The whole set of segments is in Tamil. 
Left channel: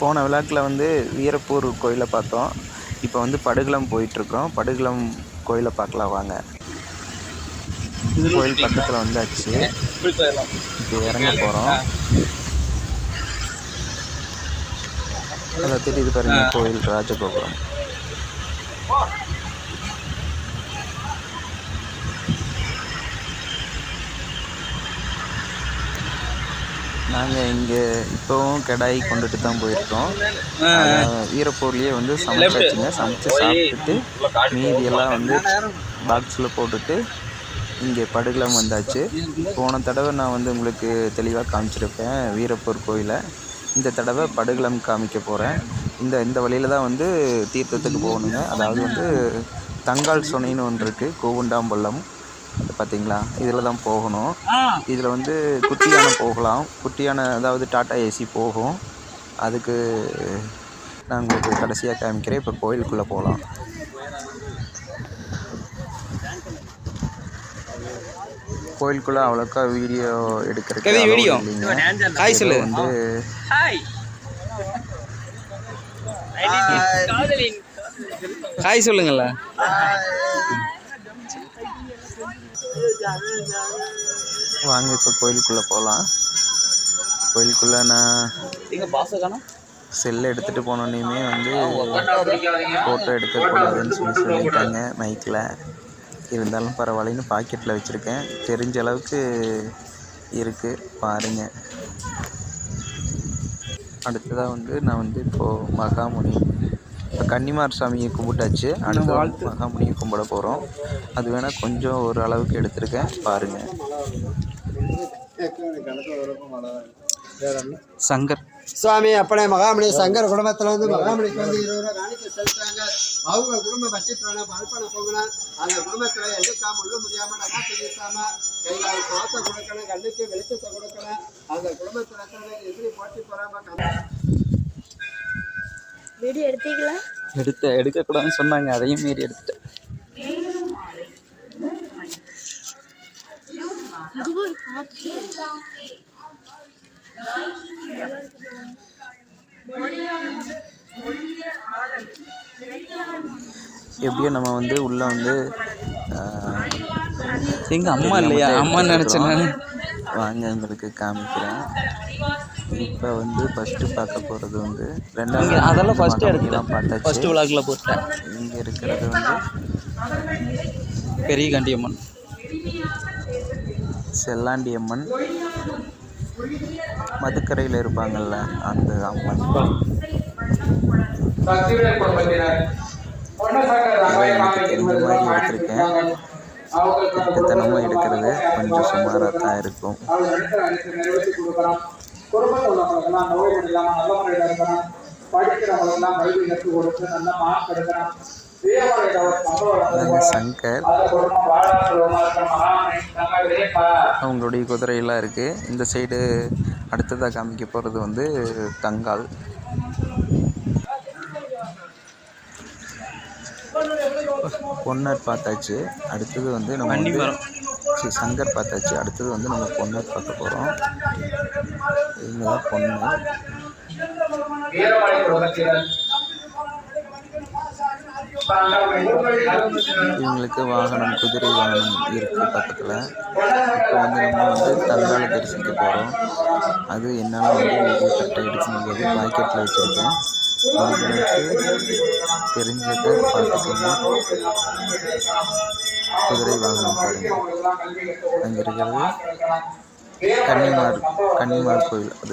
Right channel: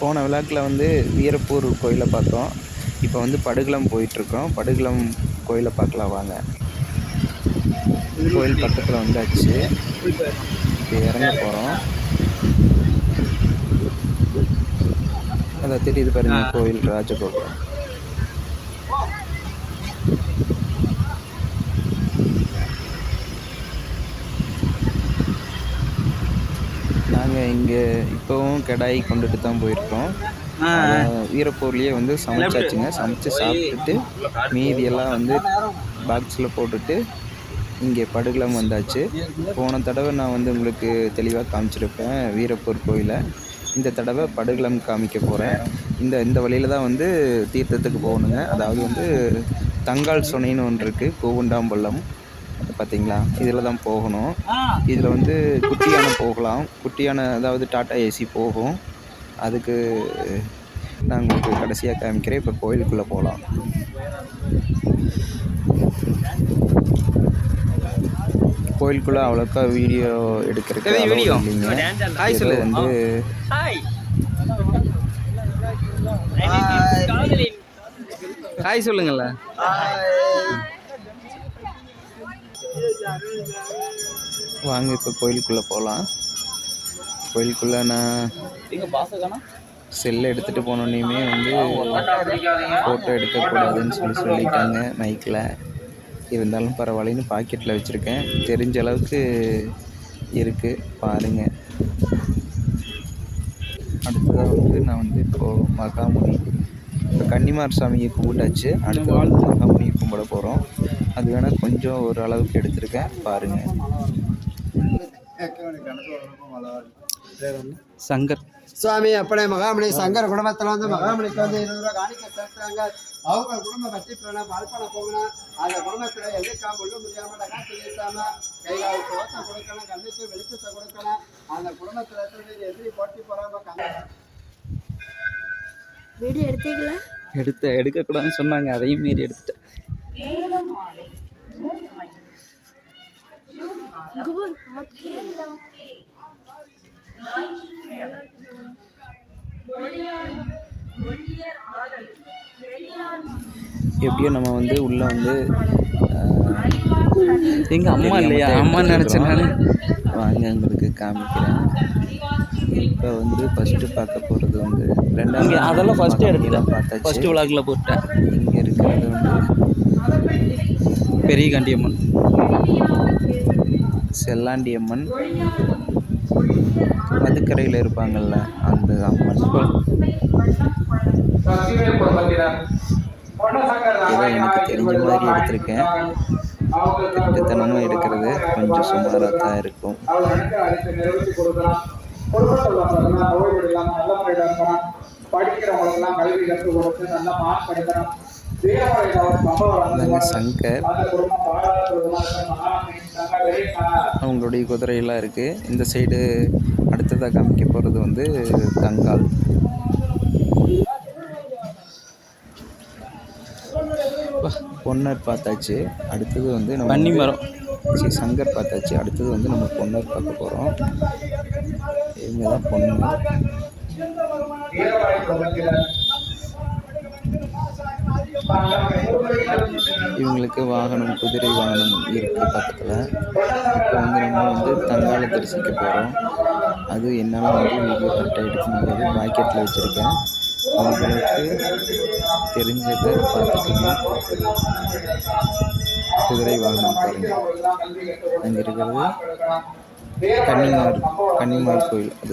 போன விழாக்கில் வந்து வீரப்பூர் கோயிலை பார்த்தோம். இப்போ வந்து படுகளம் போயிட்டுருக்கோம். படுகளம் கோயிலை பார்க்கலாம் வாங்க. கோயில் பக்கத்தில் வந்தாச்சு. இப்போ இறங்க போகிறோம். அதில் தெரியுது பாருங்க கோயில் ராஜகோபுரம். நாங்கள் இங்கே இப்போவும் கடாய் கொண்டுட்டு தான் போயிருக்கோம். வீரப்பூர்லேயே வந்து சமைச்சாச்சுங்க. சமைச்சு சாப்பிட்டுட்டு மீதியெல்லாம் வந்து பாக்ஸில் போட்டுட்டு இங்கே படுகளம் வந்தாச்சு. போன தடவை நான் வந்து உங்களுக்கு தெளிவாக காமிச்சிருப்பேன் வீரப்பூர் கோயிலை. இந்த தடவை படுகளம் காமிக்க போகிறேன். இந்த வழியில் தான் வந்து தீர்த்தத்துக்கு போகணுங்க. அதாவது வந்து தங்கால் சொனைன்னு ஒன்று இருக்குது, கூவுண்டாம்பள்ளம் பார்த்தீங்களா, இதில் தான் போகணும். இதில் வந்து குட்டியான போகலாம். குட்டியான அதாவது டாட்டா ஏசி போகும். அதுக்கு நான் உங்களுக்கு கடைசியாக காமிக்கிறேன். இப்போ கோயிலுக்குள்ளே போகலாம். கோயிலுக்குள்ளே அவ்வளோக்கா வீடியோ எடுக்கிறதுக்கு வீடியோ ஹாய் சொல்லு வந்து ஹாய் சொல்லுங்கள. வாங்க இப்போ கோயிலுக்குள்ளே போகலாம். கோயிலுக்குள்ளே நான் செல்லை எடுத்துகிட்டு போனோன்னே வந்து ஃபோட்டோ எடுக்கக்கூடாதுன்னு சொல்லிட்டாங்க மைக்கில். இருந்தாலும் பரவாயில்லன்னு பாக்கெட்டில் வச்சுருக்கேன். தெரிஞ்ச அளவுக்கு இருக்குது பாருங்கள். அடுத்ததாக வந்து நான் வந்து இப்போது மகாமுனி இப்போ கன்னிமார் சாமியை கும்பிட்டாச்சு. அடுத்த மகாமுனியை கும்பிட போகிறோம். அது வேணால் கொஞ்சம் ஒரு அளவுக்கு எடுத்திருக்கேன் பாருங்கள். சங்கர் சுவாமி அப்பனே மகாமணி சங்கர் குடும்பத்தில் வந்து மகாமணிக்கு வந்து 20 ரூபா காணிக்க செலுத்துறாங்க. அவங்க குடும்ப பற்றி அர்ப்பணம் போகணும். அந்த குடும்பத்தில் எதுக்காம உள்ள முடியாமல் டகா தெரிவிக்காம கைகால சோத்தை கொடுக்கணும், கண்ணுக்கு வெளிச்சத்தை கொடுக்கணும். அந்த குடும்பத்தில் எத்தனை பேர் எதிரி போட்டி போறாம வீடியோ எடுத்தீங்களா? எடுக்கக்கூடாதுன்னு சொன்னாங்க, அதையும் மீறி எடுத்துட்டேன். எப்படியோ நம்ம வந்து உள்ளே வந்து எங்கள் அம்மா இல்லையா, அம்மான்னு நினச்சேன் நான். வாங்க உங்களுக்கு காமிக்கிறேன். இப்போ வந்து ஃபஸ்ட்டு பார்க்க போகிறது வந்து ரெண்டாவது. அதெல்லாம் ஃபஸ்ட்டு எடுத்துட்டோம். ஃபஸ்ட்டு விழாக்கில் போட்டேன். இங்கே இருக்கிறது வந்து பெரிய காண்டியம்மன், செல்லாண்டியம்மன், மதுக்கரையில் இருப்பாங்கள்ல அந்த அம்மன். எடுத்திருக்கேன். தினமும் எடுக்கிறது கொஞ்சம் சுமாராக தான் இருக்கும். சங்கர் அவங்களுடைய குதிரையெல்லாம் இருக்குது. இந்த சைடு அடுத்ததாக காமிக்க போகிறது வந்து தங்கால். பொன்னர் பார்த்தாச்சு. அடுத்தது வந்து நம்ம சங்கர் பார்த்தாச்சு. அடுத்தது வந்து நம்ம பொன்னர் பார்க்க போகிறோம். இவங்க தான் பொண்ணு. இவங்களுக்கு வாகனம், குதிரை வாகனம் இருக்குது பக்கத்தில். வந்து நம்ம வந்து தங்காலை தரிசிக்க போகிறோம். அது என்னால் வந்து வீடியோ கரெக்டாக எடுக்க முடியாது. மார்க்கெட்டில் வச்சுருக்கேன். உங்களுக்கு தெரிஞ்சதை பார்த்துக்கோங்க. குதிரை வாகனம் பாருங்க. அங்கே இருக்கிறது கன்னிமார் கோயில். அது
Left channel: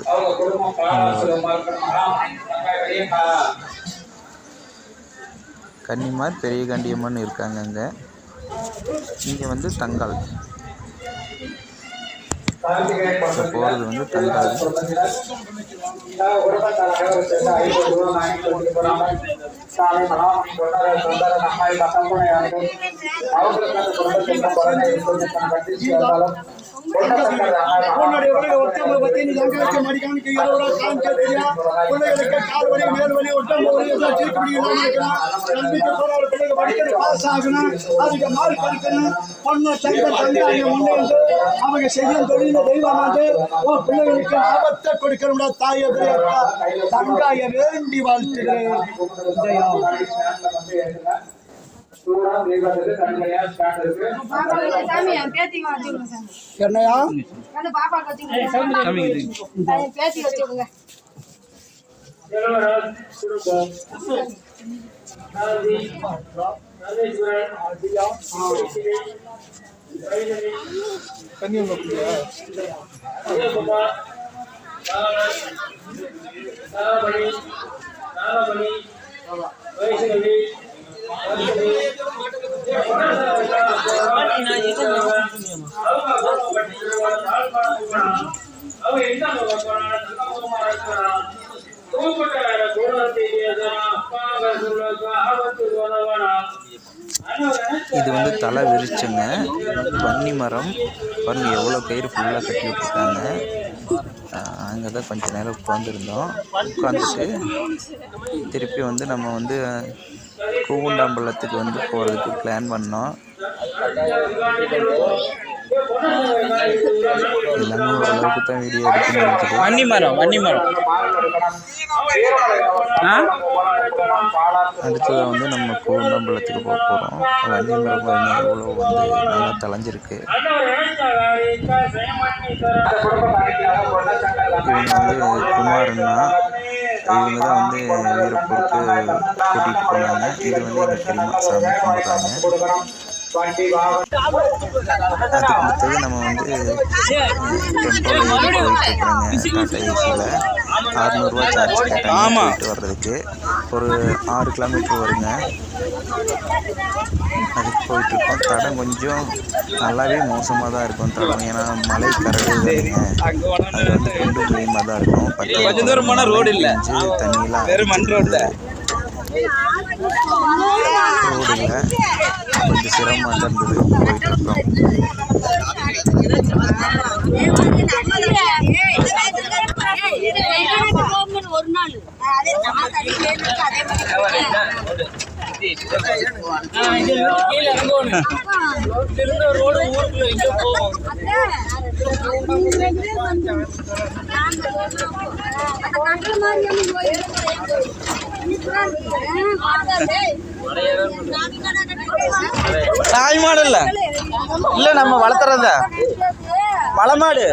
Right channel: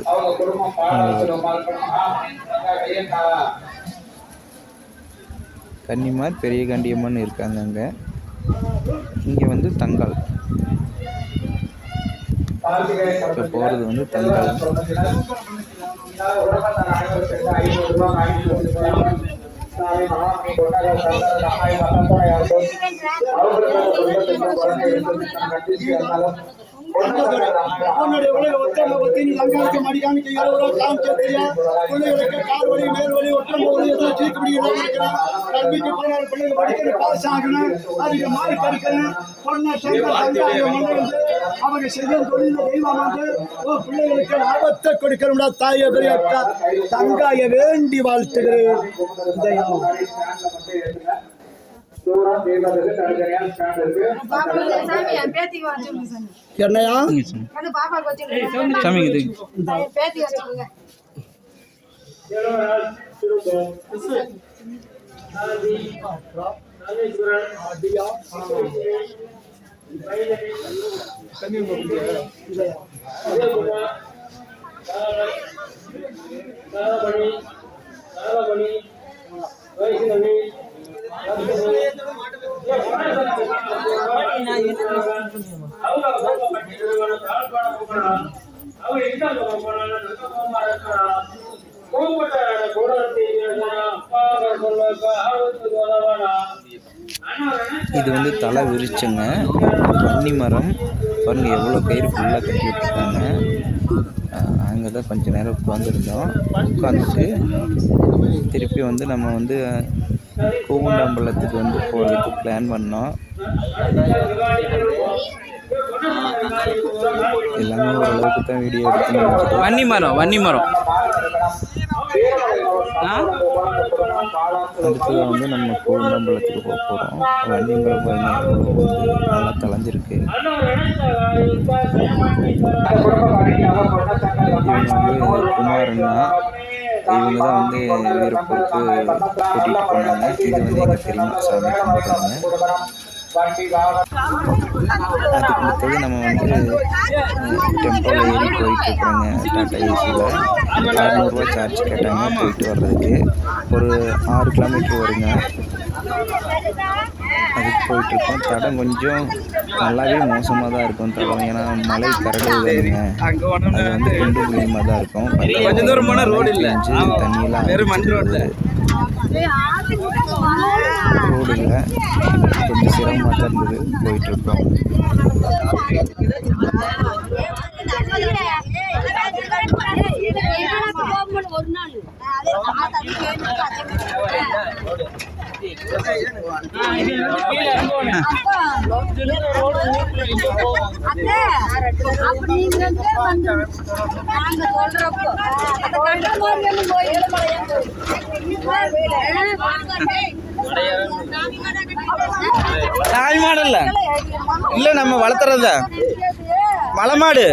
கன்னிமார் பெரிய காண்டியம்மன் இருக்காங்க அங்கே. இங்கே வந்து தங்கால் போகிறது வந்து தங்கால். உன்னுடைய உலக ஒற்றமை பத்தி நீ லங்காவுக்கு மடிக்காமிக்க இரவு காமிச்சியா பிள்ளைகளுக்கு கால் வலி மேல் வலி ஒற்றமை வலி எல்லாம் சீட்டு பிடிக்கணும் இருக்கிறான் கல்விக்கு போனாலும் பிள்ளைங்க படிக்கணும் பாஸ் ஆகணும் அதுக்கு மார்க் எடுக்கணும் பொண்ணு தங்க அவங்க முன்னே வந்து அவங்க செய்யும் தொழில தெய்வம் வந்து உன் பிள்ளைகளுக்கு ஆபத்தை கொடுக்கணும்டா தாயை பெரிய தங்காய வேண்டி வாழ்த்துகிறேன் என்னையா இது வந்து தலை விரிச்சுங்க. வன்னி மரம் பாருங்க எவ்வளோ கயிறு ஃபுல்லாக கட்டி விட்டுருக்காங்க. அங்கே தான் கொஞ்சம் நேரம் உட்காந்துருந்தோம். உட்காந்துட்டு திருப்பி வந்து நம்ம வந்து கூகுண்டம்பலத்துக்கு வந்து போகிறதுக்கு பிளான் பண்ணோம். எல்லாமே ஓரளவுக்கு தான் வீடியோ எடுத்து வன்னி மரம் அடுத்தது வந்து நம்ம கூகுண்டம்பலத்துக்கு போக போகிறோம். வன்னி மரம் வந்து நல்லா தொலைஞ்சிருக்கு. இவங்க தான் வந்து ஏர்போர்ட்டுக்கு கூட்டிகிட்டு போனாங்க. இது வந்து எனக்கு தெரியுமா சாமி. அதுக்கு அடுத்தது நம்ம வந்து போயிட்டு வர்றதுக்கு ஒரு 6 கிலோமீட்டர் வருங்க. அதுக்கு போயிட்டு இருக்கோம். தடம் கொஞ்சம் நல்லாவே மோசமாக தான் இருக்கும். தடம் ஏன்னா மலை ரொம்ப பயமாக தான் இருக்கும். கொஞ்சம் தூரம் போனால் ரோடு இல்லை, வெறும் மண் ரோடு தான். ரோடு இல்லை, கொஞ்சம் சிரமமாக தான் இருந்தது. போயிட்டுருக்கோம். தாய் மாடல்ல இல்ல நம்ம வளர்த்துறத மலை மாடு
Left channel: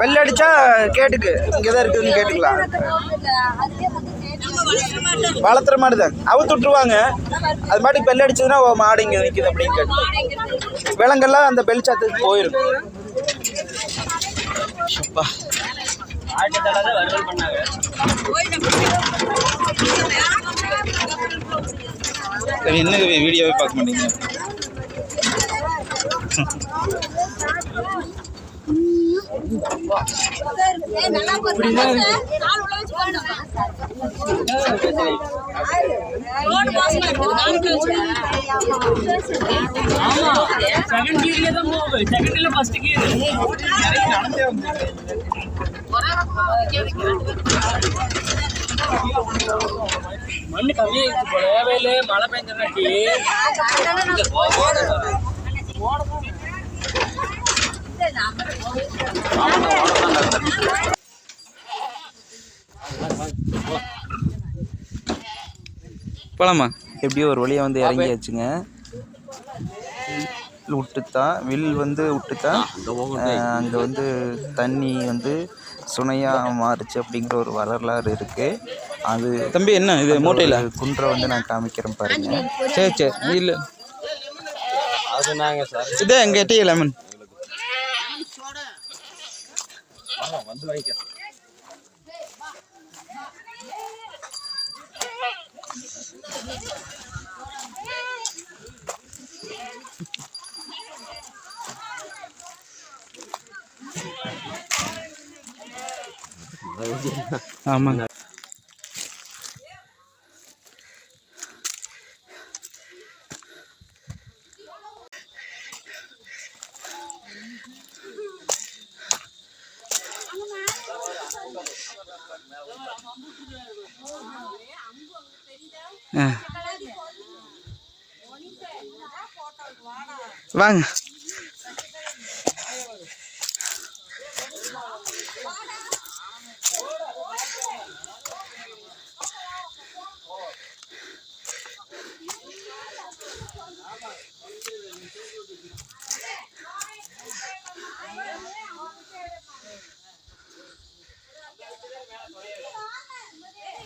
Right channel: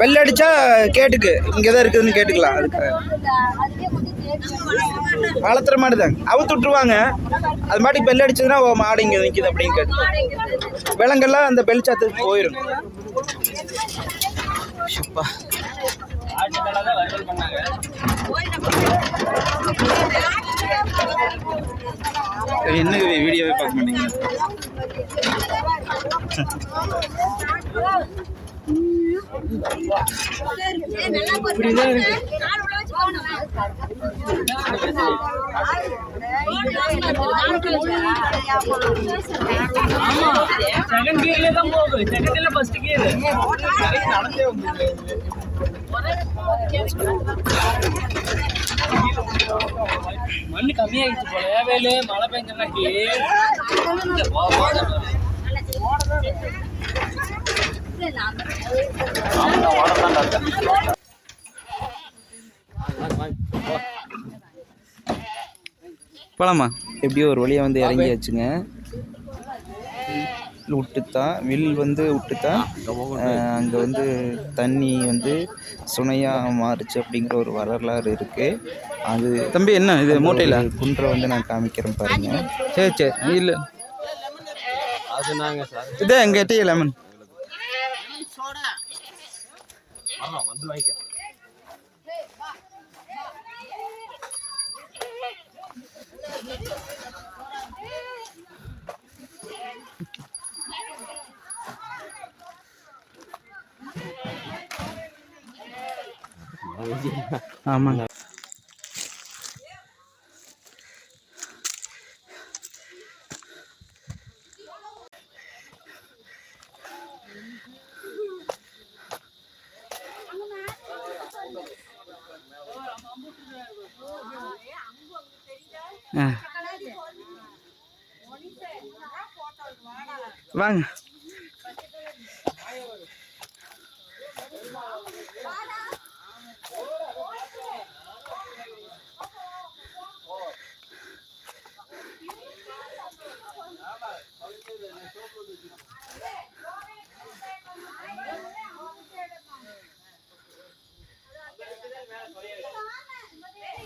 வெள்ளை அடிச்சா கேட்டுக்கு இங்கதான் இருக்குதுன்னு கேட்டுக்கலாம். வளர்த்துற மாடு தான் அவுத்து விட்டுருவாங்க. அது மாட்டி பெல் அடிச்சதுன்னா மாடு இங்க நிக்குது அப்படின்னு விலங்கெல்லாம் அந்த பெல் சாத்துக்கு போயிடும். என்ன வீடியோவே பார்க்க மாட்டீங்க. செகண்ட் கியர்ல தான் போகுது. செகண்ட் கியர்ல ஃபர்ஸ்ட் கியர் நடந்தே வந்து மண்ணு கம்மியாகிடுச்சு போல. வேலையில மழை பெஞ்சனாட்டி போலாமா? எப்படியோ ஒரு வழியாக வந்து இறங்கியாச்சுங்க. விட்டுத்தான் வில் வந்து விட்டுத்தான் அங்கே வந்து தண்ணி வந்து சுனையாக மாறுச்சு அப்படிங்கிற ஒரு வரலாறு இருக்குது. அது தம்பி என்ன இது மூட்டையில் குன்றை வந்து நான் காமிக்கிறேன் பாருங்க. சரி சரி இல்லை அது நாங்கள் சார் இதே எங்கள் டீ லெமன் வந்து வாங்கிக்க. ஆமாங்க. வாங்க.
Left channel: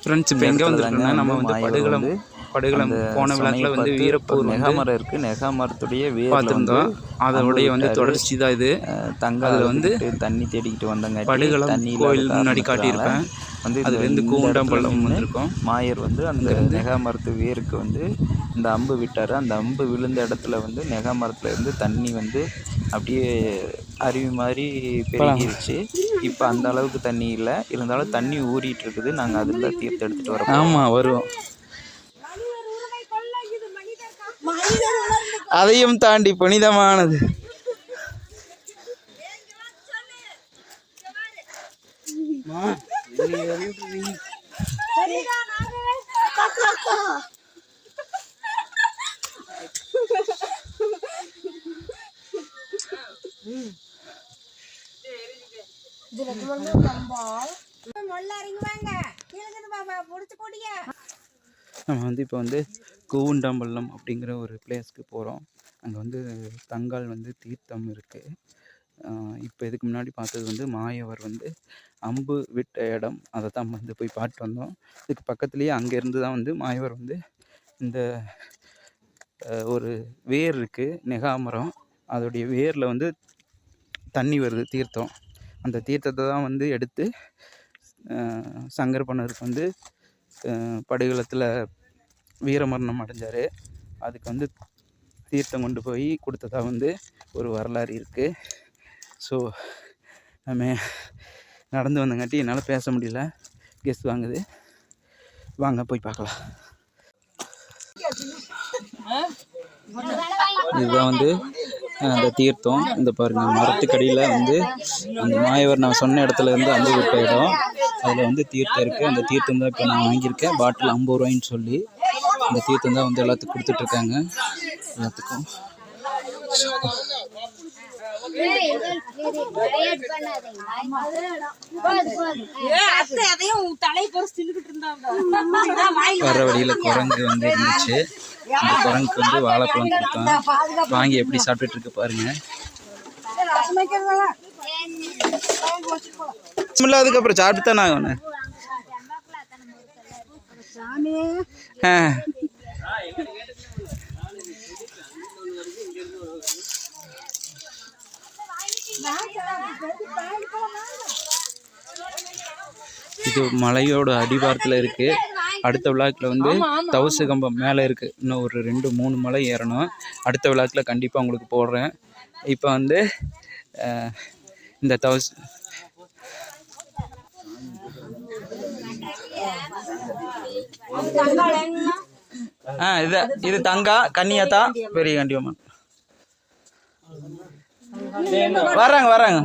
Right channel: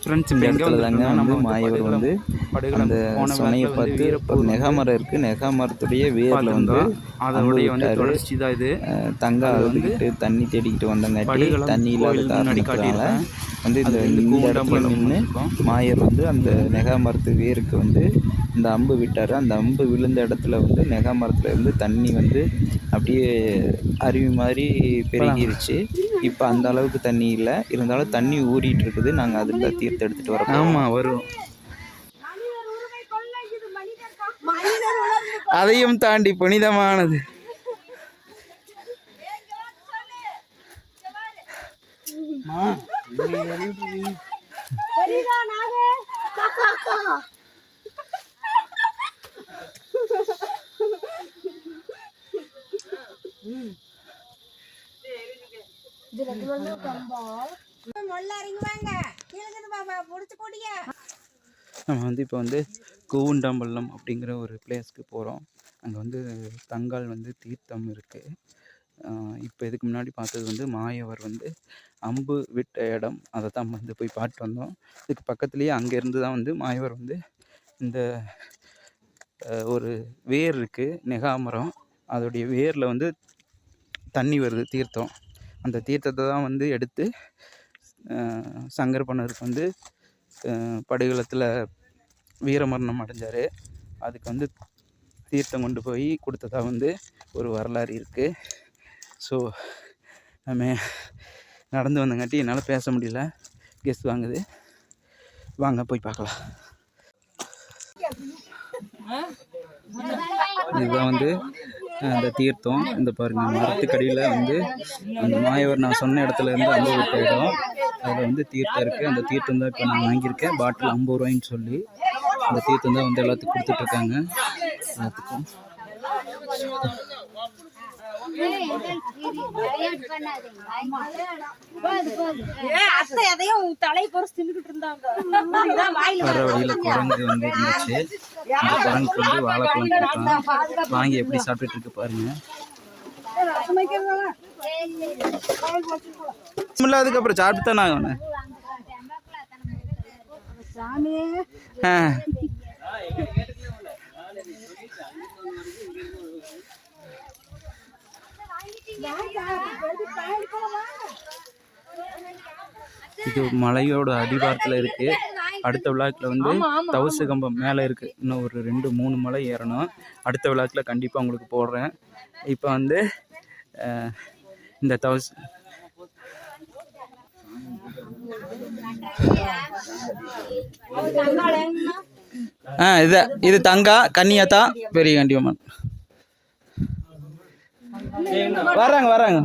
ஃப்ரெண்ட்ஸ் இப்போ எங்கே வந்துருக்கோம்னா நம்ம வந்து படுகளம் போன விழாக்கில் வந்து வீரப்பூர் நெகாமரம் இருக்குது. நெகாமரத்துடைய பார்த்துருந்தோம். அதோடைய வந்து தொடர்ச்சி தான் இது. அதில் வந்து தண்ணி தேடிக்கிட்டு வந்தாங்க. படுகளம் கோயில் முன்னாடி காட்டியிருப்பேன். அதுலேருந்து கூண்டாம்பள்ளம் வந்திருக்கோம். மாயர் வந்து அந்த நெகாமரத்து வேருக்கு வந்து இந்த அம்பு விட்டார். அந்த அம்பு விழுந்த இடத்துல வந்து நெகாமரத்துல இருந்து தண்ணி வந்து அப்படியே அருவி மாதிரி பெருகிருச்சு. இப்போ அந்த அளவுக்கு தண்ணி இல்லை, இருந்தாலும் தண்ணி ஊறிட்டு இருக்குது. நாங்கள் அதில் தீர்த்து எடுத்துகிட்டு வரோம். ஆமாம், வருவோம். அதையும் தாண்டி புனிதமானது. நம்ம வந்து இப்போ வந்து கூண்டாம்பள்ளம் அப்படிங்கிற ஒரு பிளேஸ்க்கு போகிறோம். அங்கே வந்து தங்கால் வந்து தீர்த்தம் இருக்குது. இப்போ இதுக்கு முன்னாடி பார்த்தது வந்து மாயவர் வந்து அம்பு விட்ட இடம். அதை தான் வந்து போய் பார்த்து வந்தோம். இதுக்கு பக்கத்துலேயே அங்கேருந்து தான் வந்து மாயவர் வந்து இந்த ஒரு வேர் இருக்குது, நெகாமரம். அதோடைய வேரில் வந்து தண்ணி வருது, தீர்த்தம். அந்த தீர்த்தத்தை தான் வந்து எடுத்து சங்கரப்பனருக்கு வந்து படுகளத்தில் வீரமரணம் அடைஞ்சார். அதுக்கு வந்து தீர்த்தம் கொண்டு போய் கொடுத்ததா வந்து ஒரு வரலாறு இருக்குது. ஸோ நம்ம நடந்து வந்தங்காட்டி என்னால் பேச முடியல, கெஸ் வாங்குது. வாங்க போய் பார்க்கலாம். இதுதான் வந்து அந்த தீர்த்தம். இந்த பாருங்கள், மரத்துக்கடியில் வந்து அந்த மாயவர் நான் சொன்ன இடத்துல இருந்து அம்பு விட்ட இடம். அதில் வந்து தீர்த்தம் இருக்குது. அந்த தீர்த்தம் தான் இப்போ நான் வாங்கியிருக்கேன். பாட்டில் 50 ரூபாய்ன்னு சொல்லி அந்த தீர்த்தம் தான் வந்து எல்லாத்துக்கும் கொடுத்துட்ருக்காங்க. எல்லாத்துக்கும் வர வழியில் குரங்கு வந்து இருந்துச்சு. அந்த குரங்குக்கு வந்து வாழைப்பழம் கொடுத்தோம். வாங்கி எப்படி சாப்பிட்டுட்டு இருக்கு பாருங்க. அதுக்கப்புறம் சாப்பிட்டு தானே ஆகணும். இது மலையோட அடிவாரத்தில் இருக்குது. அடுத்த விழாக்கில் வந்து தவசு கம்பம் மேலே இருக்குது. இன்னும் ஒரு 2-3 மலை ஏறணும். அடுத்த விழாக்கில் கண்டிப்பாக உங்களுக்கு போடுறேன். இப்போ வந்து இந்த தவசு இது தங்கா கன்னியாத்தா பெரிய கண்டியம்மன் வராங்க.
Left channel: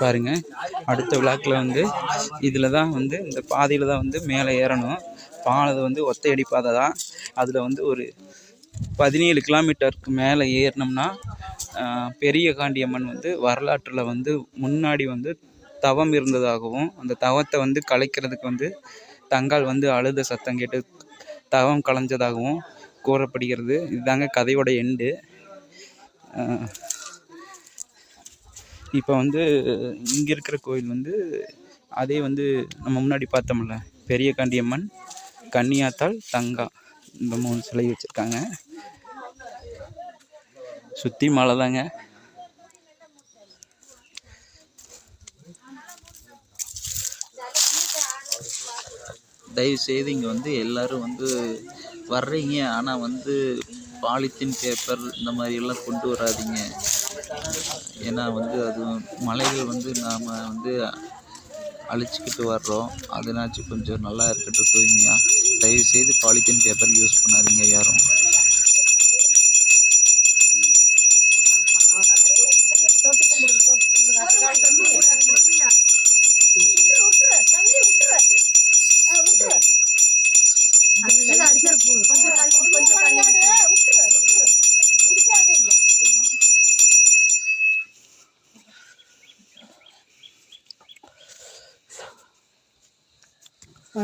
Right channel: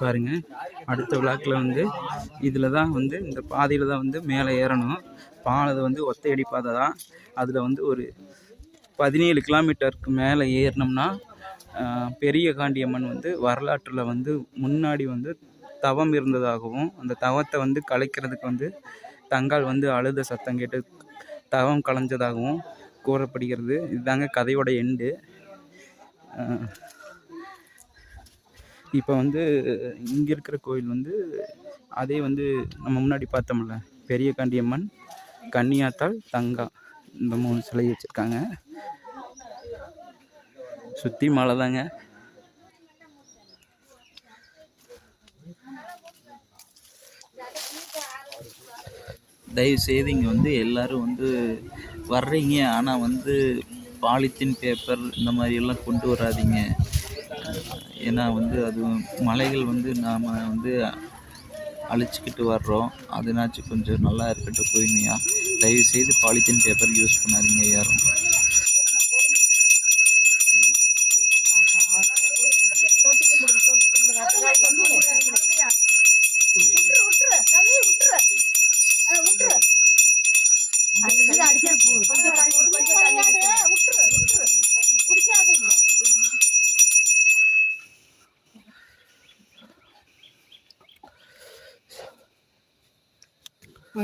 பாருங்க, அடுத்த விழாக்கில் வந்து இதில் தான் வந்து இந்த பாதையில் தான் வந்து மேலே ஏறணும். பாதை வந்து ஒத்தையடி பாதை தான். அதில் வந்து ஒரு 17 கிலோமீட்டருக்கு மேலே ஏறினோம்னா பெரிய காண்டியம்மன் வந்து வரலாற்றில் வந்து முன்னாடி வந்து தவம் இருந்ததாகவும், அந்த தவத்தை வந்து கலைக்கிறதுக்கு வந்து தங்கால் வந்து அழுத சத்தம் கேட்டு தவம் கலைஞ்சதாகவும் கூறப்படுகிறது. இதுதாங்க கதையோட எண்டு. இப்போ வந்து இங்கே இருக்கிற கோயில் வந்து அதே வந்து நம்ம முன்னாடி பார்த்தோம்ல, பெரிய காண்டியம்மன், கன்னியாத்தாள், தங்கா, இந்த 3 சிலை வச்சுருக்காங்க. சுற்றி மலை தாங்க. தயவுசெய்து இங்கே வந்து எல்லோரும் வந்து வர்றீங்க, ஆனால் வந்து பாலித்தீன் பேப்பர் இந்த மாதிரியெல்லாம் கொண்டு வராதிங்க. ஏன்னா வந்து அது மலைகள் வந்து நாம் வந்து அழிச்சிக்கிட்டு வர்றோம். அதனாச்சும் கொஞ்சம் நல்லா இருக்கட்டும் தூய்மையாக. தயவுசெய்து பாலித்தீன் பேப்பர் யூஸ் பண்ணாதீங்க யாரும்.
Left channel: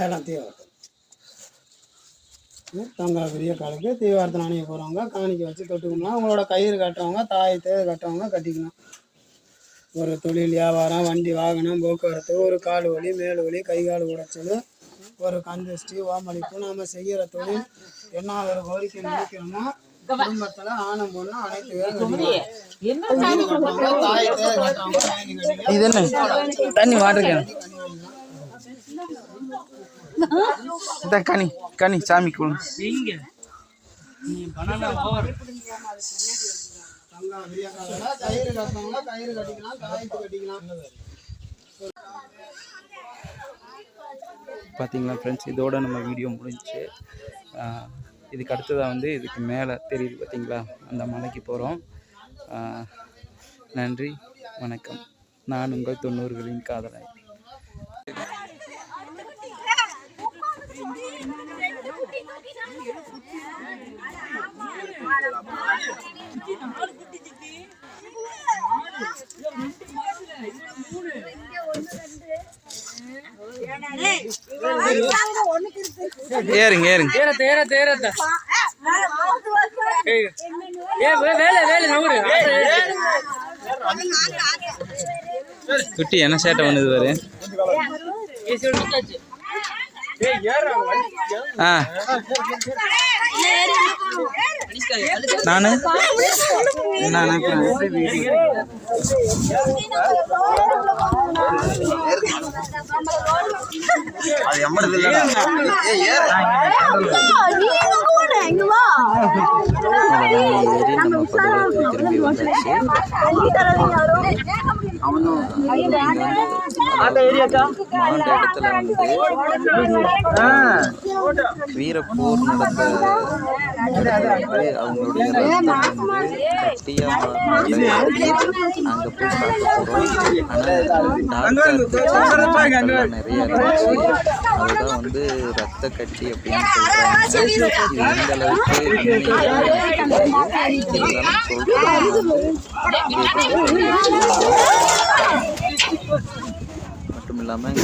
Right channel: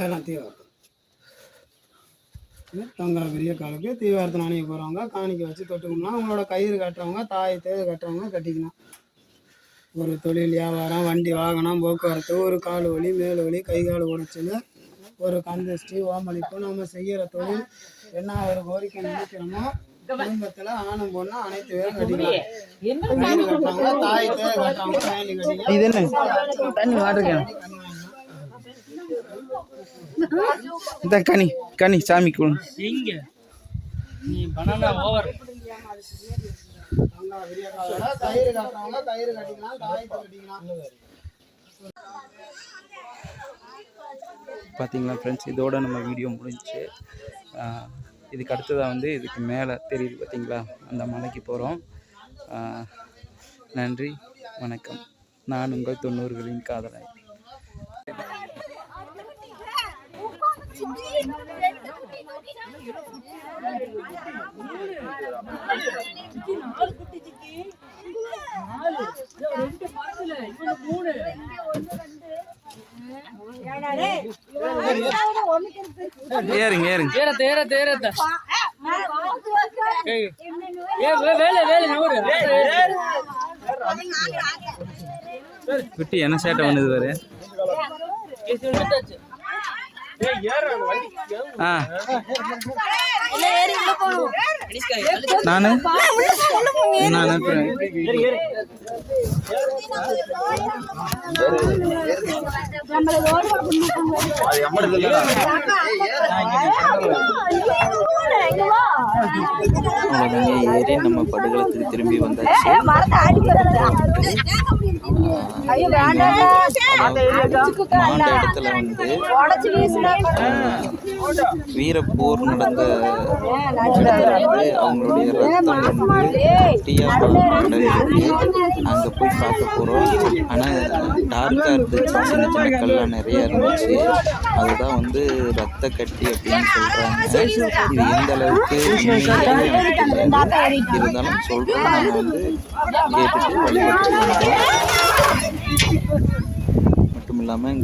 எல்லாம் தீவார்த்தம். தங்கா பெரிய காலுக்கு தீவார்த்தம் அணிய போகிறவங்க காணிக்க வச்சு தொட்டுக்கணும். அவங்களோட கயிறு கட்டுறவங்க தாய் தேவை கட்டுறவங்க கட்டிக்கணும். ஒரு தொழில் வியாபாரம் வண்டி வாகனம் போக்குவரத்து ஒரு கால் வலி மேல் வலி கை கால் உடைச்சல் ஒரு கந்திஷ்டி ஓமளிப்பு நம்ம செய்கிற தொழில் என்ன ஒரு கோரிக்கை நினைக்கிறோமோ குடும்பத்தில் ஆணும் பொண்ணு அனைத்து பேரும் கட்டிக்கலாம். கயிறு கட்டுறவங்க தாய் தேவை கட்டுறவங்க வேண்டி கட்டிக்கலாம். இது என்ன தண்ணி வாட்டர் இந்த கனி சாமி குழு இங்க நீ பணம் ஓவர் கயிறு கட்டுறவங்க கயிறு கட்டிக்கலாம் தாயத்து கட்டிக்கலாம். பார்த்தீங்களா ஃப்ரெண்ட்ஸ், இதோட நம்ம வீடியோ முடிஞ்சிச்சு. இதுக்கு அடுத்ததாக வந்து இதுக்கு மேலே தெரியுது பார்த்தீங்களா, அந்த மலைக்கு போகிறோம். நன்றி, வணக்கம். நான் உங்கள் 90களின் காதலாய். ஏறுங்க ஏறுங்க குட்டி என்ன சேட்டை பண்ணுது பாரு. நானு திரும்பி வீரப்பூர் வந்து ரத்த கட்டி மட்டும் இல்லாமல்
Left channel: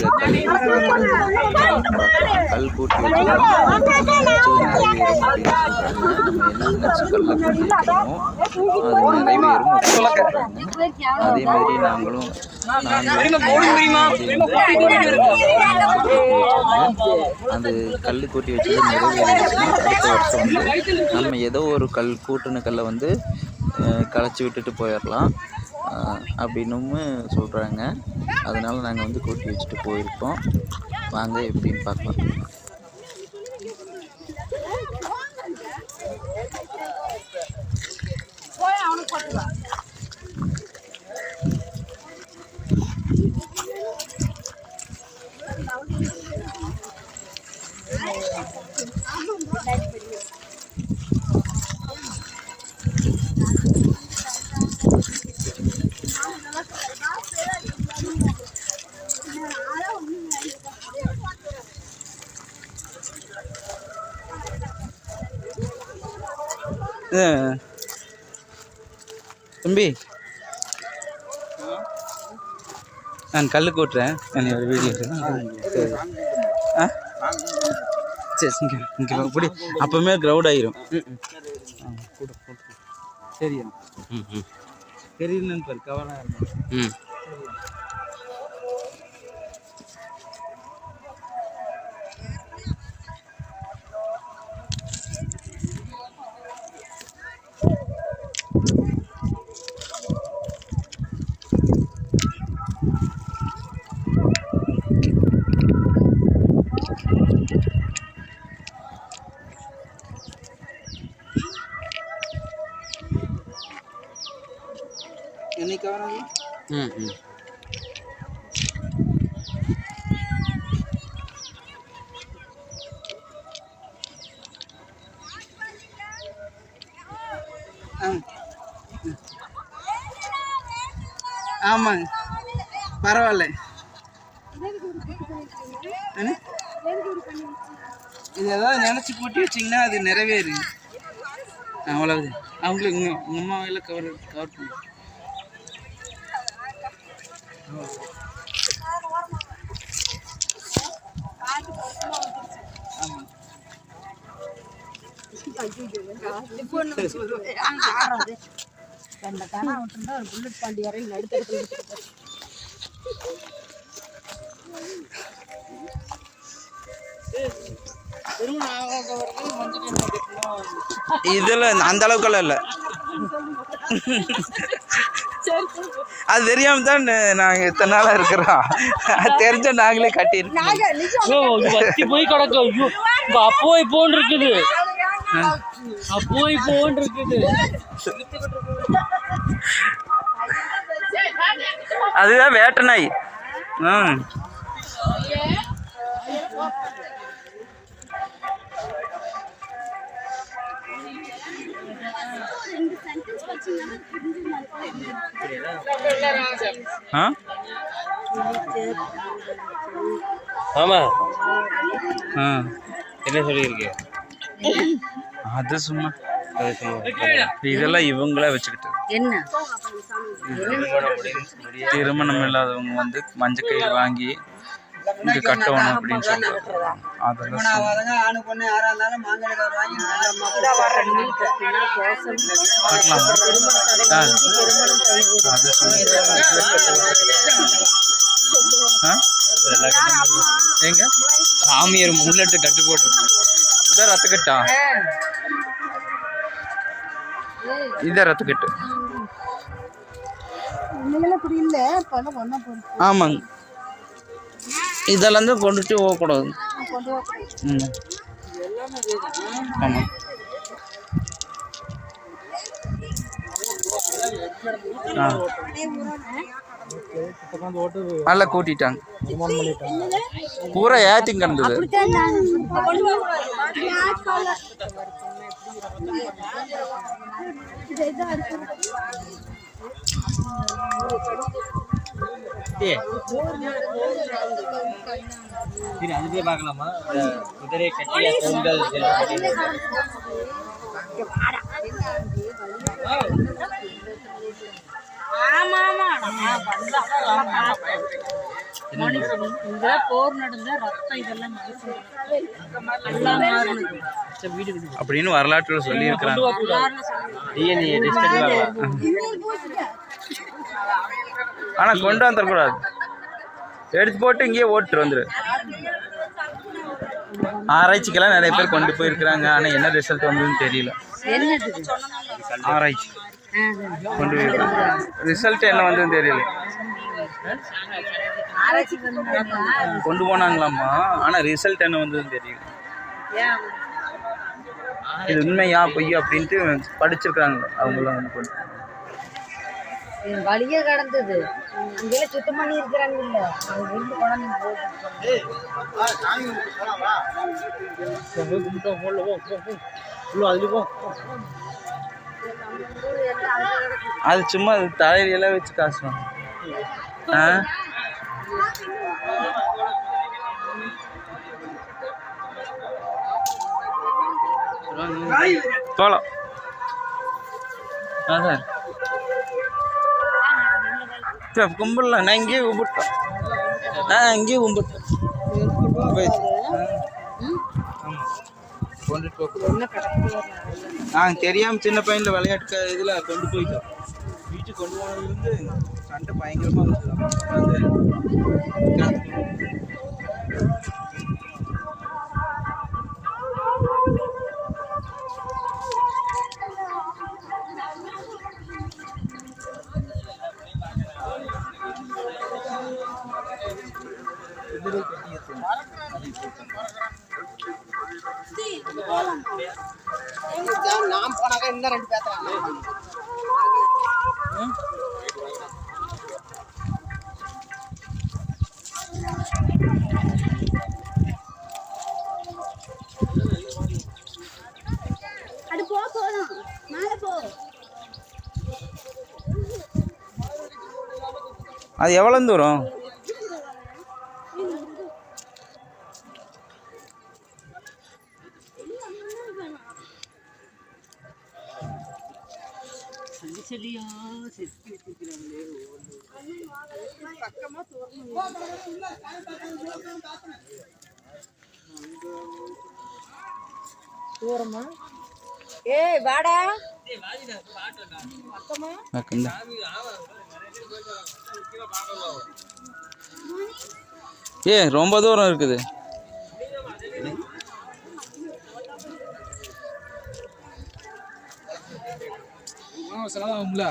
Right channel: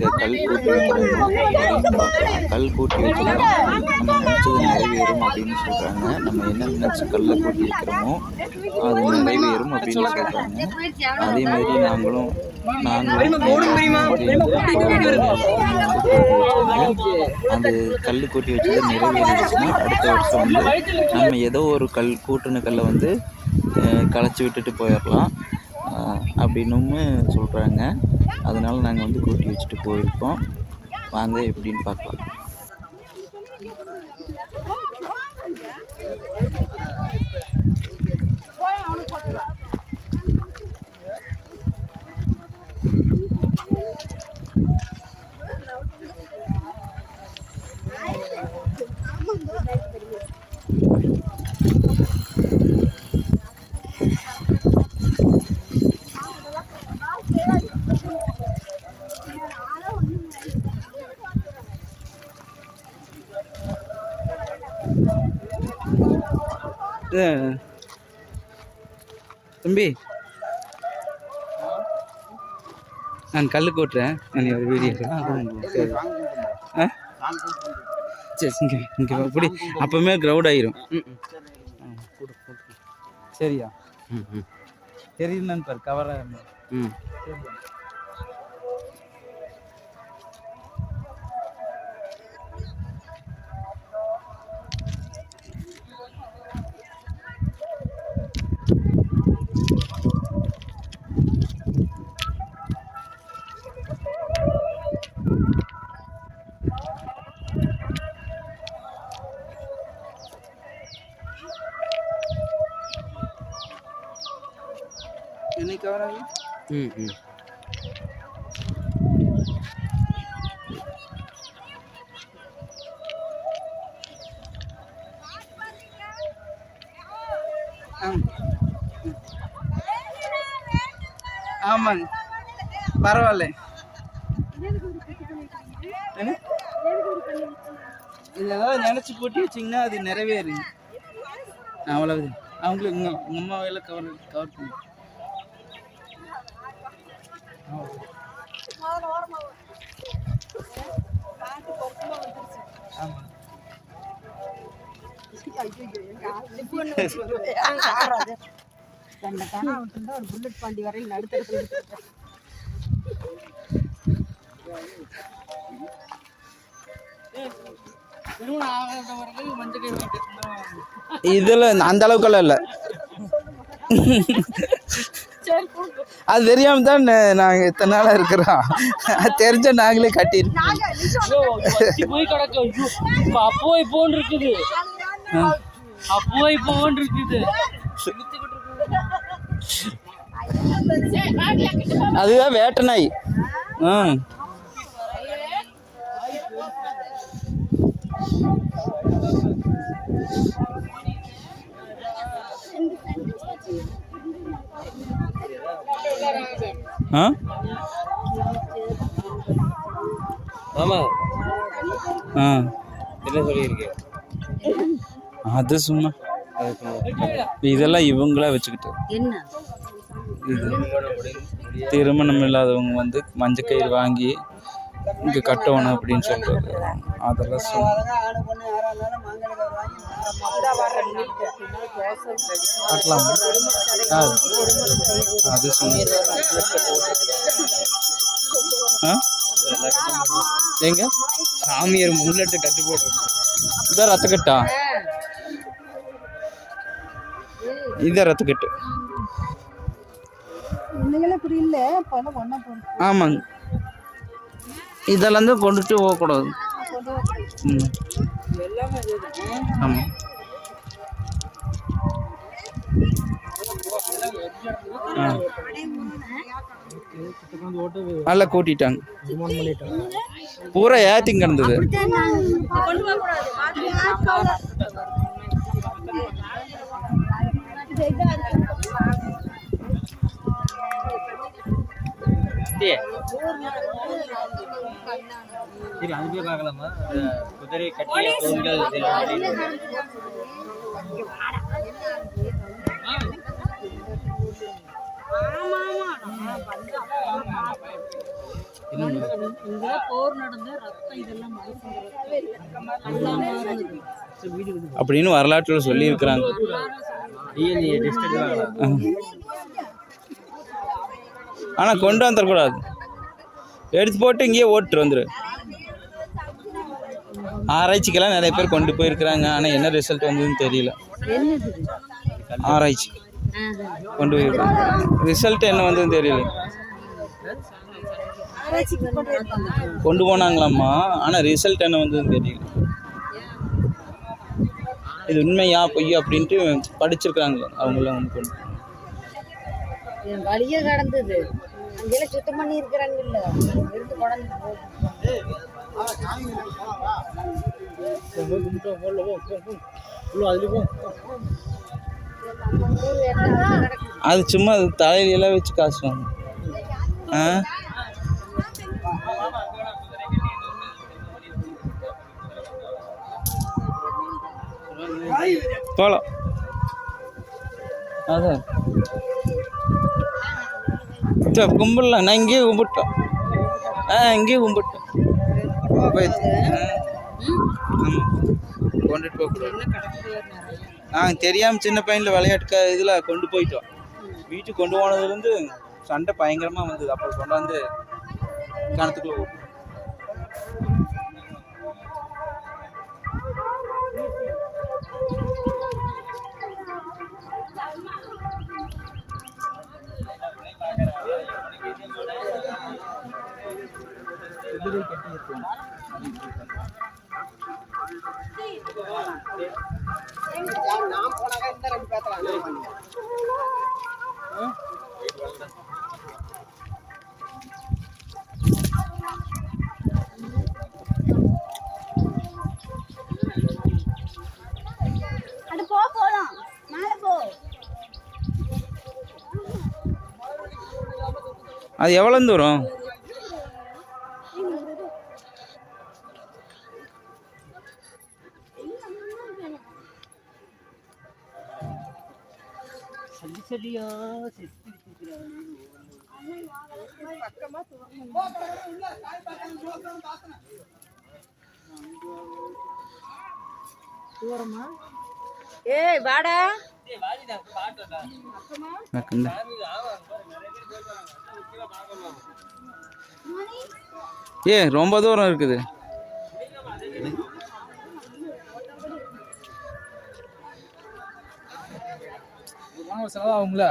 கல் கூட்டி அதே மாதிரி நாங்களும் அந்த கல் கூட்டி வச்சது நிறைவேறிச்சுன்னா அடுத்த வருஷம் வந்து நம்ம ஏதோ ஒரு கூட்டுன கல்லை வந்து களைச்சி விட்டுட்டு போயிடலாம் அப்படின்னும் சொல்கிறாங்க. அதனால் நாங்கள் வந்து கூட்டி வச்சுட்டு போயிருக்கோம். வாங்க எப்படின்னு பார்க்கலாம். தம்பி, நான் கல் கூட்டுறேன். நான் ஒரு வீடியோ சரி இங்கே இப்படி அப்போமே க்ரௌட் ஆகிரும். சரியா? தெரியலன்னு பாரு கவராக இருந்தேன். இன்னைக்கு கவராக ஆமாங்க, பரவாயில்ல. இது ஏதாவது நினச்சி போட்டி வச்சிங்கன்னா அது நிறைவேறு. அவ்வளவு அவங்களுக்கு உங்கள் அம்மாவையில் கவர் பண்ணி புல்லட் பாண்டி வரையும் நடுத்தர இதில் அந்த அளவுக்கெல்லாம் இல்லை. அது தெரியாம தான் நாங்கள் இத்தனை நாளாக இருக்கிறோம். தெரிஞ்ச நாங்களே கட்டியிருக்கோம். போய் கிடக்கு. அப்போ இப்போன்னு இருக்குது, அப்போ இப்போன்னு இருக்குது. அதுதான் வேட்டை நாய். ஆமா என்ன சொல்லியிருக்கு? அது சும்மா இதெல்லாம் இவங்களே வச்சுக்கிட்டு என்ன திருமணம் இல்லாதவங்க வந்து மஞ்சள் கயிறு வாங்கி இங்கே கட்டணும் அப்படின்னு சொல்லிட்டு அதெல்லாம் கட்டலாமா? அது எங்க சாமியார் முள்ளட்டு கட்டு போட்டுருக்கோம். இதான் ரத்தக்கட்டா? இதான் ரத்தக்கட்டு. ஆமாங்க, இதெல்லாம் தான் கொண்டுட்டு போகக்கூடாது. ஆமாம். நல்லா கூட்டிட்டாங்க, பூரா ஏத்திங் கிடந்தது. அது பார்க்கலாமா? குதிரை கட்டிய தூண்கள் போர் நடந்த ரத்தம் இதெல்லாம் அப்படின்னு வரலாற்றில் சொல்லி இருக்கிறாங்க. ஆனா கொண்டு வந்துடக்கூடாது, எடுத்து போட்டு இங்கேயே ஓட்டு வந்துரு. ஆராய்ச்சிக்கெல்லாம் நிறைய பேர் கொண்டு போயிருக்கிறாங்க. ஆனால் என்ன ரிசல்ட் வந்ததுன்னு தெரியல. ஆராய்ச்சி கொண்டு போயிருக்காங்க, ரிசல்ட் என்ன வந்ததுன்னு தெரியல. கொண்டு போனாங்களாம்மா, ஆனால் ரிசல்ட் என்ன வந்ததுன்னு தெரியல. இது உண்மையா பொய்யா அப்படின்ட்டு படிச்சிருக்கிறாங்களே அவங்களாம் ஒன்று கொண்டு வழியே கடந்தது அங்கே சுத்தம் பண்ணி இருக்கிறாங்க. அது சும்மா தலையில வச்சு காசுவாங்க. போலாம் அதான் கும்பிடலாம். நான் இங்கேயே கும்பிட்டோம். இங்கேயே கும்பிட்டோம். கொண்டுட்டு போக தெரியாமல் சின்ன பையனில் விளையாட்டு இதில் கொண்டு போயிட்டோம். வீட்டுக்கு கொண்டு போனதுலேருந்து சண்டை பயங்கரமாக வந்தது. அப்போ கொண்டாந்து கிணத்துக்குள்ள குதிரை கட்டிய தூண் நான் போனாக்கா இன்னும் 2 பேசலாம். அது போலாம் மேலே போ. அது எவ்வளோ தூரம்? சரியா தூரமா ஏய் வாடா இந்த ரொம்ப தூரம் இருக்குது. செலவாகும்ல.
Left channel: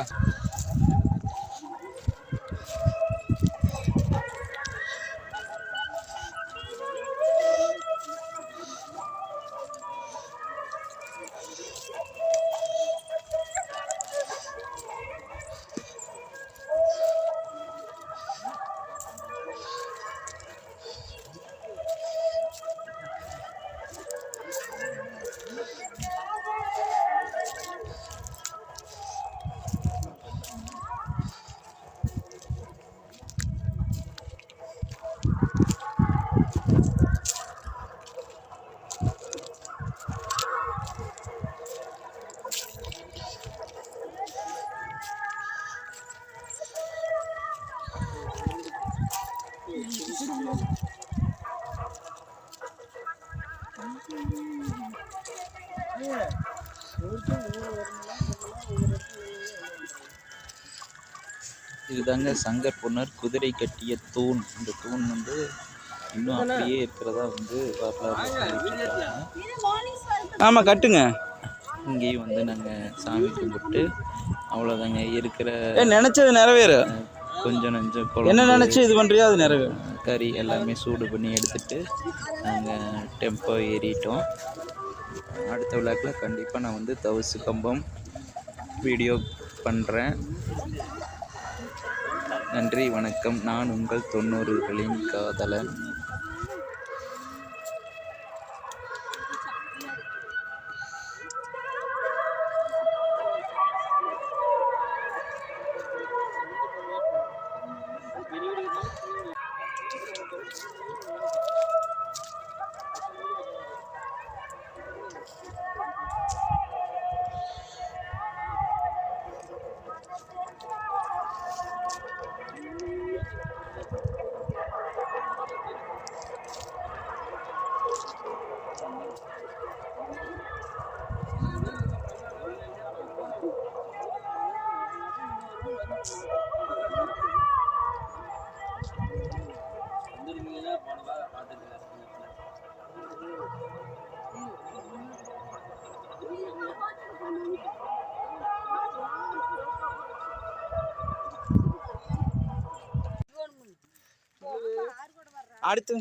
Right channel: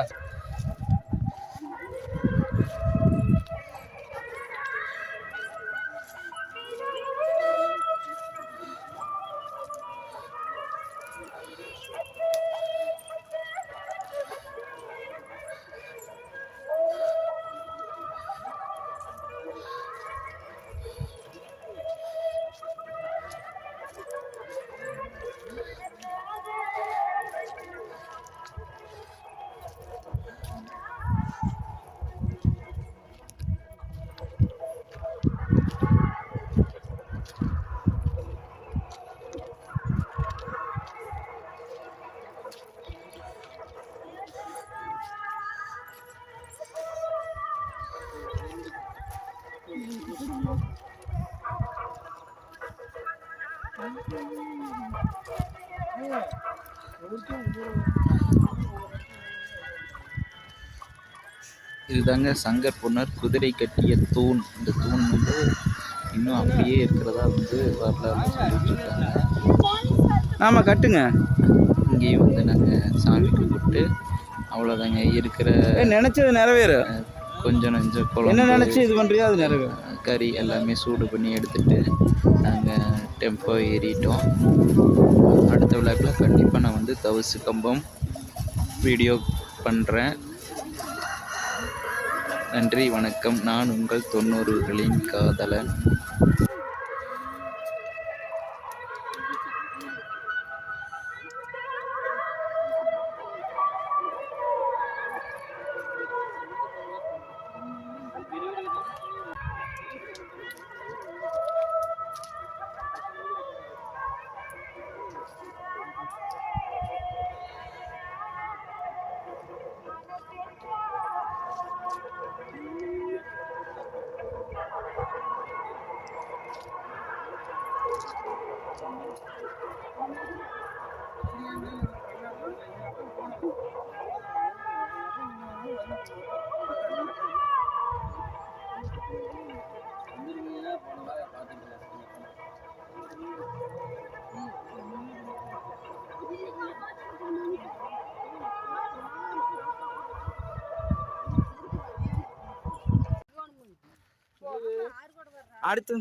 இதுதாங்க சங்கர் பொன்னர் குதிரை கட்டிய தூண். அந்த தூண் வந்து இன்னும் அப்படியே இருக்கிறதா வந்து ஆமாம் கட்டுங்க. இங்கேயும் வந்து நாங்கள் சாமி கும்பிட்டு அவ்வளோதாங்க இருக்கிற நினச்சது நிறைவேறு. கொஞ்சம் நஞ்சம் என்ன நினச்சி இது பண்ணுறியோ அது நிறைவேறும். கறி எல்லாமே சூடு பண்ணி எடுத்துகிட்டு நாங்கள் டெம்போ ஏறிட்டோம். அடுத்த விழாக்கில் கண்டிப்பாக நான் வந்து தவசு கம்பம் வீடியோ பண்ணுறேன். நன்றி வணக்கம். நான் உங்கள் 90களின் காதலன். அடுத்து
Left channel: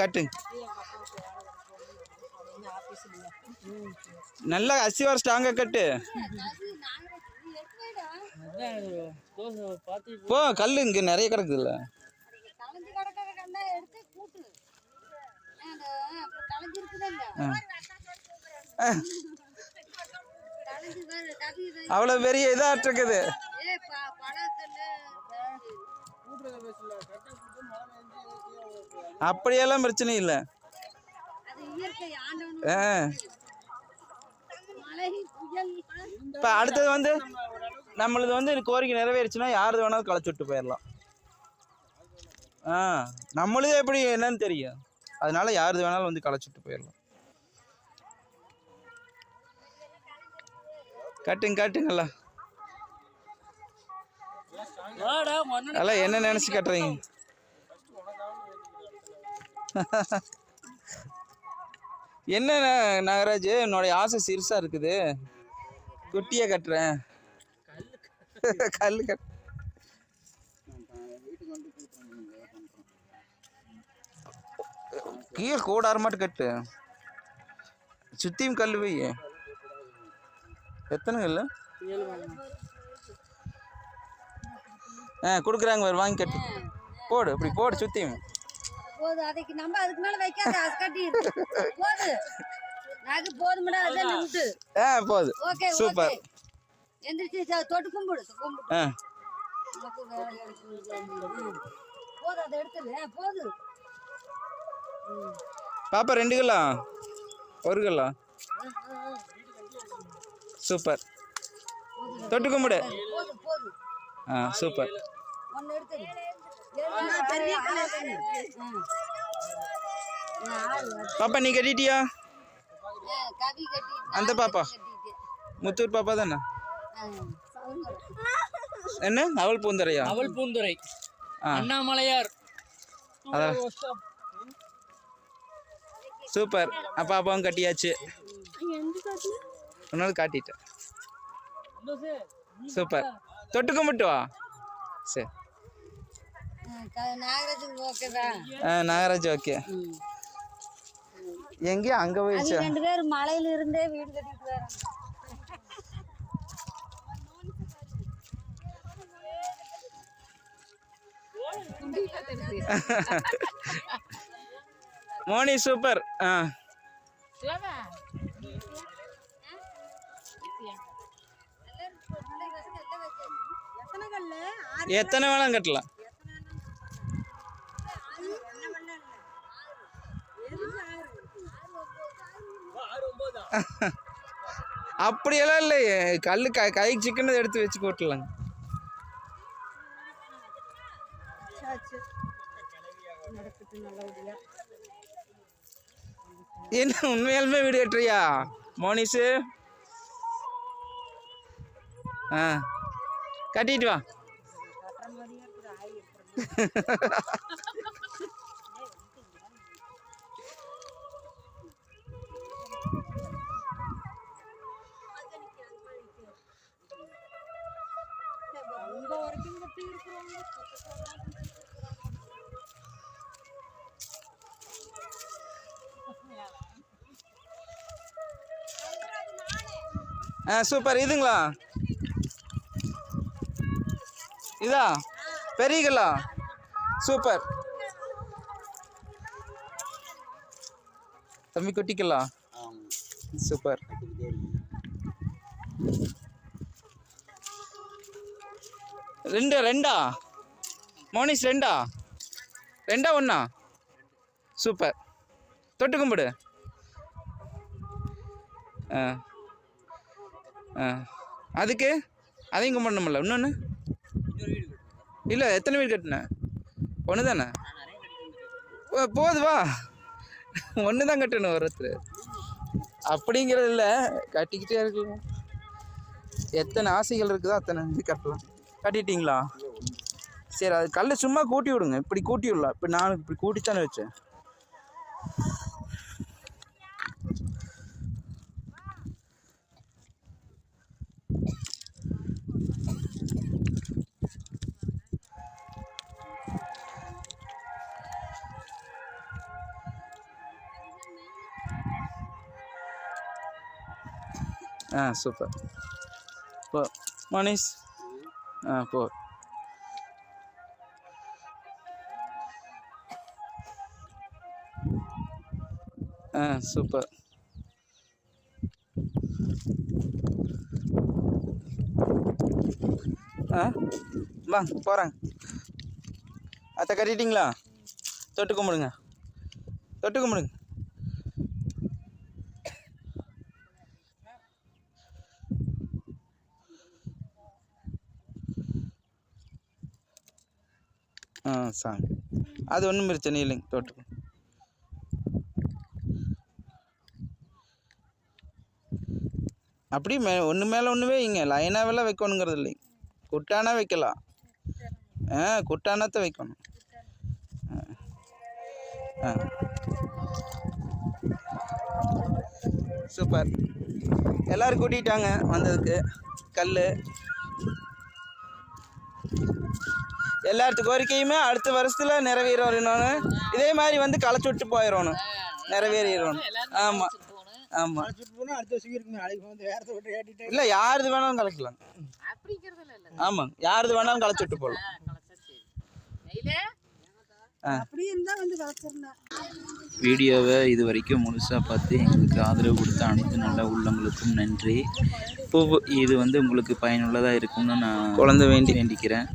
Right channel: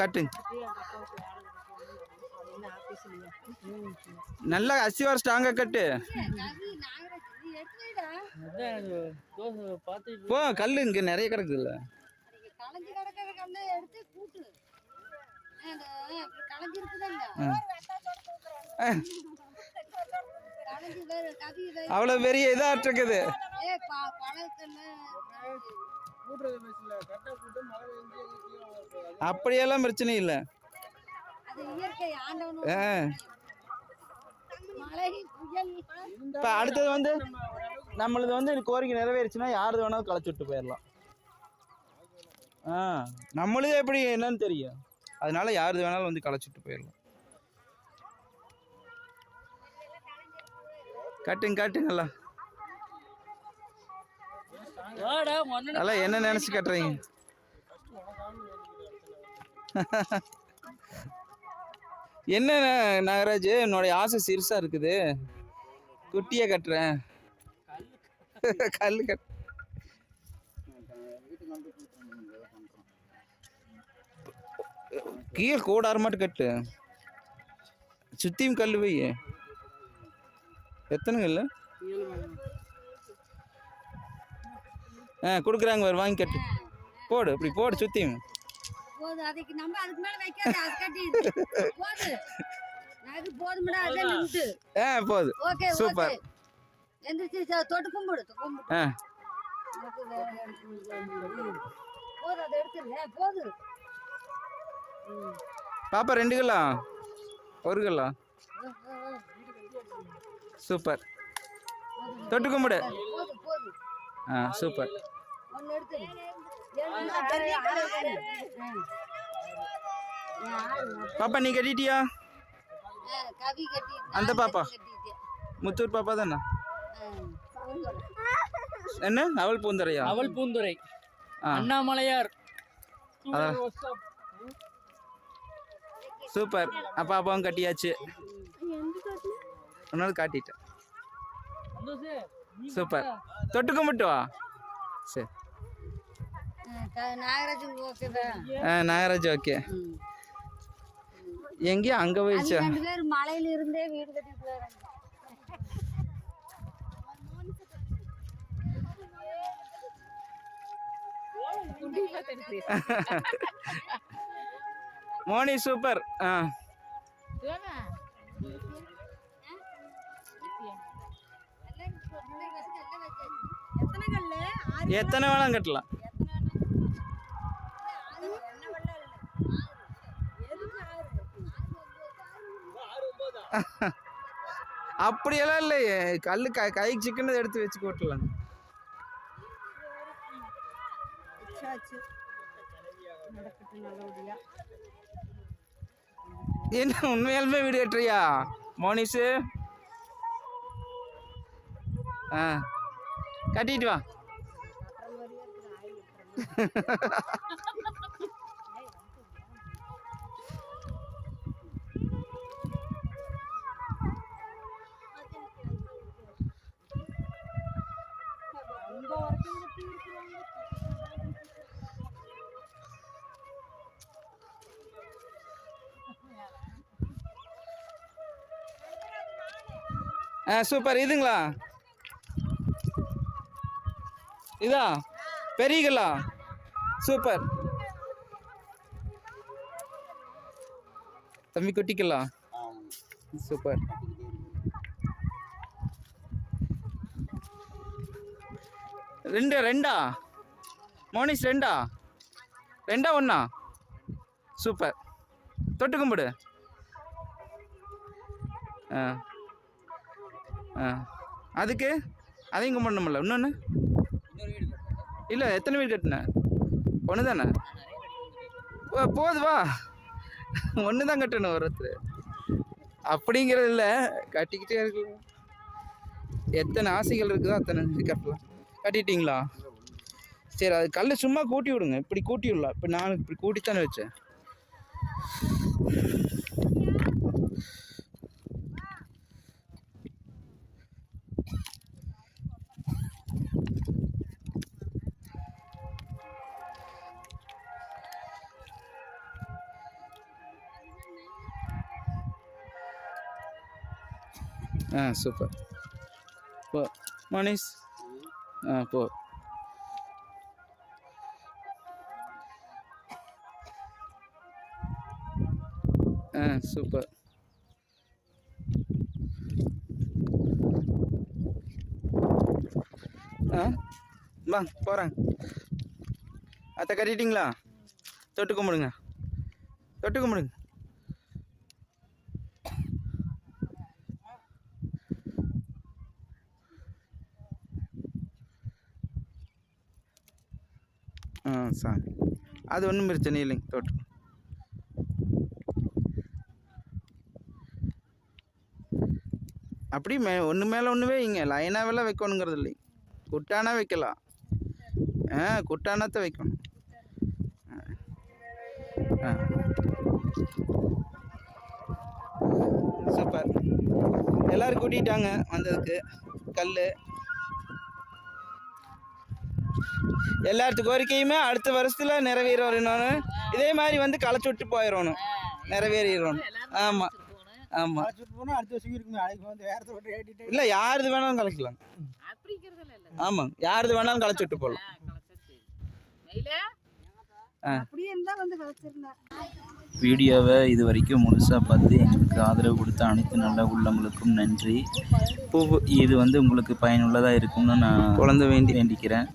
கட்டு நல்லா அசிவார ஸ்ட்ராங்கா கட்டு. போ கல்லு இங்க நிறைய கிடக்குதுல்ல. அவ்வளவு பெரிய இதா இருக்குது. அப்படியெல்லாம் பிரச்சனை இல்லை. இப்ப அடுத்தது வந்து நம்மளது வந்து கோரிக்கை நிறைவேறுச்சுன்னா யாரு வேணாலும் களைச்சு விட்டு போயிடலாம். நம்மளது எப்படி என்னன்னு தெரியும். அதனால யாரு வேணாலும் வந்து களைச்சு விட்டு போயிடலாம். காட்டுங்களா அதெல்லாம் என்ன நினைச்சு கட்டுறீங்க? என்ன நாகராஜ், என்னுடைய ஆசை சிறுசா இருக்குது. குட்டியா கட்டுறேன். கல்லு கட்டு. கீழே கூடார மட்டும் கட்டு. சுத்தியும் கல்லு வை. எத்தனை கல்லு? கொடுக்குறாங்க, வாங்கி கட்டு. போடு, இப்படி போடு சுத்தியும். போது அதுக்கு நம்ம அதுக்கு மேல வைக்காத, அது கட்டி போடு. நாக்கு போதுமடா, அத நிமிட்டு. போடு. Okay super. எந்திரச்சி தொட்டு கும்பிடு. போடு, அத எடுத்துரு. போடு பாப்பா. 2 கிலோ 1 கிலோ. சூப்பர். தொட்டு கும்பிடு. சூப்பர். ஒன்று எடுத்து பெரிய கலர் பாப்பா நீ கட்டிட்டியா? கவி கட்டி அந்த பாப்பா முத்தூர் பாப்பா தானே? என்ன அவள் பூந்துரையா? அவள் பூந்துரை அண்ணாமலையார். அதான் சூப்பர். பாப்பாவும் கட்டியாச்சு. ஒன்னாலும் காட்டிட்டேன். சூப்பர். தொட்டு கும்பிட்டு வா. சரி நாகராஜ் ஓகேவா? நாகராஜ் ஓகே. எங்கேயும் அங்கே போயிடுச்சு. 2 பேர் மலையில இருந்தே வீடு கட்டிட்டு வராங்க. மோனி சூப்பர். எத்தனை வேணாம் கட்டலாம். அப்படியெல்லாம் இல்லையே, கல் கைக்கு சிக்கன் எடுத்து வச்சு போட்டுடலாங்க. என்ன உண்மையாலுமே வீடு கட்டுறியா மோனிஸு? கட்டிட்டு வா. சூப்பர். இதுங்களா? இதா பெரியங்களா? சூப்பர். தம்பி குட்டிக்கலாம். சூப்பர். ரெண்டா மோனிஸ்? ரெண்டா ஒண்ணா? சூப்பர். தொட்டு கும்பிடு. அதுக்கு அதையும் கும்பிடணுமில்ல? இன்னொன்று இல்லை. எத்தனை வீடு கட்டின? ஒன்று தானே? போது வா. ஒன்று தான் கட்டணும் ஒருத்தர் அப்படிங்கிறது இல்லை, கட்டிக்கிட்டே இருக்கலாம். எத்தனை ஆசைகள் இருக்குதோ அத்தனை கட்டலாம். கட்டிட்டீங்களா? சரி, அது கல் சும்மா கூட்டி விடுங்க. இப்படி கூட்டி விடலாம். இப்போ நான் இப்படி கூட்டித்தானே வச்சேன். சூப்பர். போ மனிஷ். போ. சூப்பர். வா போகிறேன். அத்தை கட்டிட்டீங்களா? தொட்டு கும்பிடுங்க. சாமி அது ஒன்றும் பிரச்சனை இல்லைங்க. தொட்டு அப்படி ஒன்று மேலே ஒன்று வைங்க. லைனாகவெல்லாம் வைக்கணுங்கிறது இல்லைங்க. குட்டானா வைக்கலாம். குட்டானத்தை வைக்கணும். சூப்பர். எல்லோரும் கூட்டிகிட்டாங்க வந்ததுக்கு. கல் எல்லாத்து கோரிக்கையுமே அடுத்த வருஷத்தில் நிறைவேறணும். இதே மாதிரி வந்து களைச்சி விட்டு போயிடணும், நிறைவேறிடணும். ஆமாம் இல்லை, யாருது வேணாலும் கலைக்கலாம். ஆமாம், யாருது வேணாலும் களைச்சி விட்டு போகலாம். வீடியோவை இது வரைக்கும் முழுசாக பார்த்து எங்களுக்கு ஆதரவு கொடுத்த அனைத்து நல்ல உள்ளவங்களுக்கும் நன்றி. இது வந்து உங்களுக்கு பயனுள்ளதாக இருக்கும்னு நான் வேண்டிக்கிறேன்.